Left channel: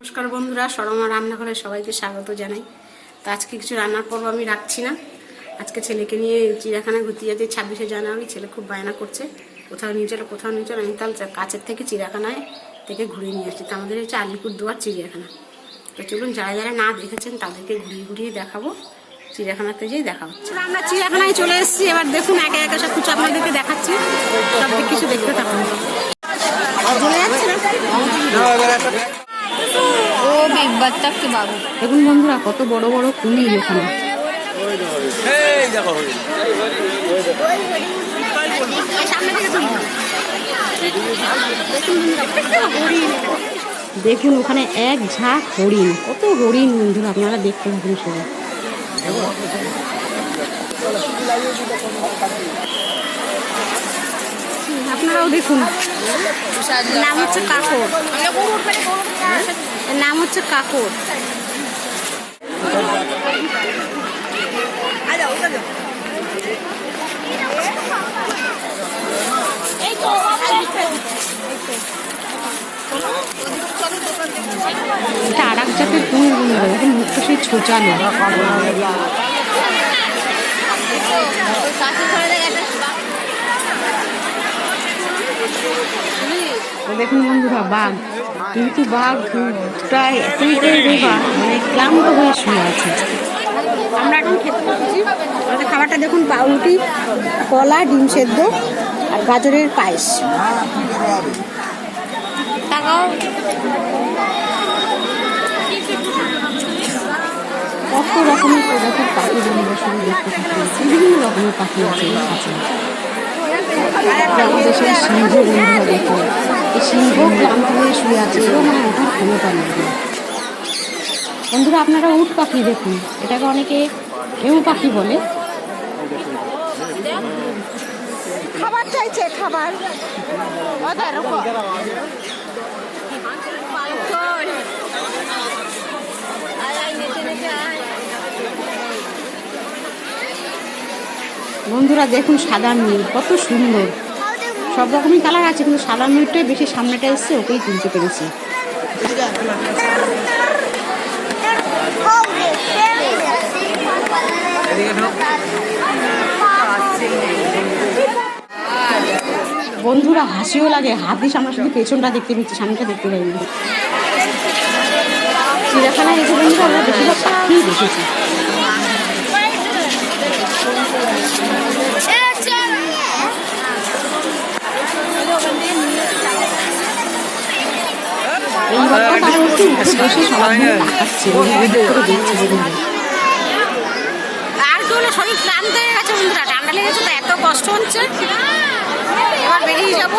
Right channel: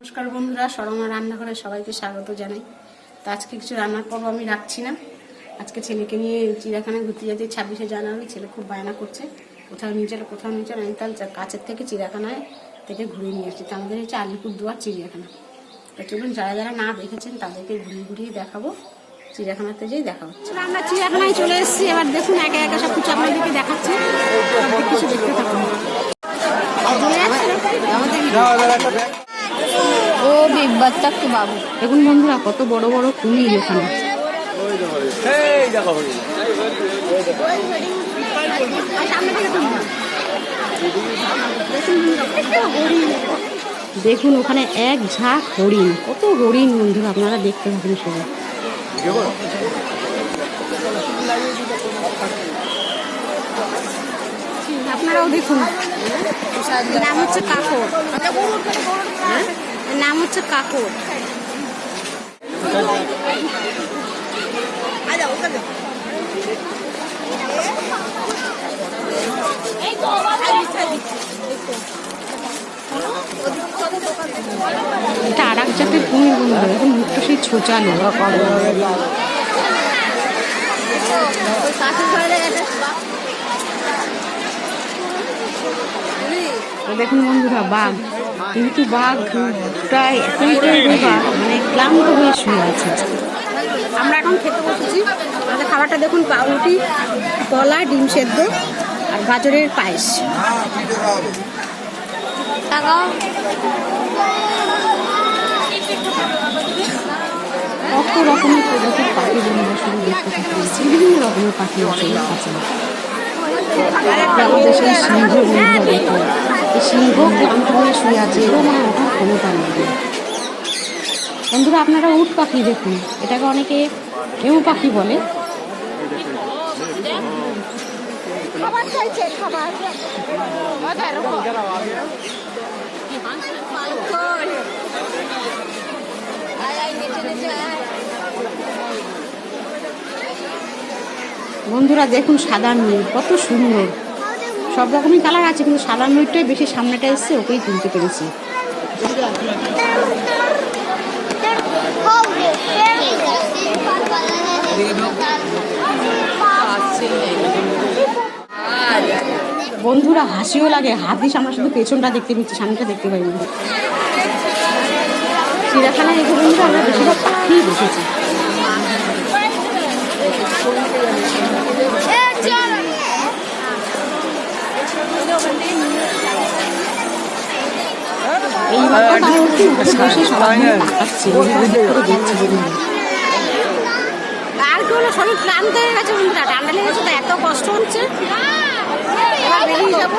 নমস্কার বন্ধুরা, সরমা রান্নাঘরে সবাইকে স্বাগত জানাই। তো আজকে কিছু রান্নার পর্ব আমি রাখছি না। আজকে ছেলেকে নিয়ে চিড়িয়াখানায় ঘুরতে যাচ্ছি, ছাব্বিশে জানুয়ারি, ছেলে খুব বায়না করছে। কোথাও নিয়ে চলো, কোথাও নিয়ে চলো আমি তাহলে কাছের থেকে চিড়িয়াখানায় থেকে ঘুরিয়ে নিয়ে আসছি। তো আমাদের হচ্ছে আলিপুর দুয়ার চিড়িয়াখানা। তো চলুন যারা যারা না দেখেছেন তাদেরকে ঘুরিয়ে ঘুরিয়ে দেখাবো। চিড়িয়াখানাতে যেই দেখা হচ্ছে। আমরা চিড়িয়াখানায় চলে এসেছি। এবার দেখুন একে একে সব কিছু আপনাদেরকে দেখাচ্ছি। সব কিছু দেখতে থাকুন। ও কি বাবু। দেখুন বন্ধুরা কত বড় বড় কুমির ওখানে দেখুন ওখানে এক ঝাঁক হরিণ। কত হরিণ বন্ধুরা আপনারা দেখতে থাকুন সবাই। দেখুন। নাম হচ্ছে কাকর নাম হচ্ছে কাকর এটা আর এক জাতের কুমির বন্ধুরা দেখুন মুখটা সেই ছোচালো দেখুন বন্ধুরা বাঘ। কিন্তু বাঘটা এতইটাই রোগা মানে ক্লান্ত হয়ে শুয়ে আছে। আমরা এখন খেতে বসেছি। আমাদের খাবারটা দেখুন পাউরুটি কলা ডিম সেদ্ধ আর গাজরের পায়েস টাকাও কত রকমের প্রজাতির পাখি শুধু দেখতে থাকি, বিভিন্ন রকমের পাখি আছে যে আমাদের সেই সিংহ বন্ধুরা দেখুন এই সিংহ ক্লান্ত হয়ে শুয়ে আছে এরও মানে ওঠার ক্ষমতা নেই। বন্ধুরা, আপনারা উট পাখি দেখুন, এটাকে অনেকে এও পাখি বলে। বন্ধুরা দেখুন সাদা নীল কত সুন্দর। সব রকমই কালার আছে, কিন্তু সাদা নীলটাই বেশি সামনেটা এসছে, ওকেই তুলতে পেরেছি। বন্ধুরা হাসিও লাগে, হাত দিয়ে আমরা শুধু পেছনটা দেখতে পেয়েছি সামনেটা দেখতে পাইনি। চিড়িয়াখানায় এসে বন্ধুরা আমরা বেশিরভাগ পাখিই দেখেছি। এইবারটা তারা হচ্ছে উঠে বসে সবার দিকে তাকাচ্ছে করে দেখছে বন্ধুরা আর কি হলো শরীর ক্লান্ত হয়ে গেছে বন্ধুরা ঠান্ডা লেগেছে তো এত কষ্ট হচ্ছে। এবার বেরিয়ে যাব।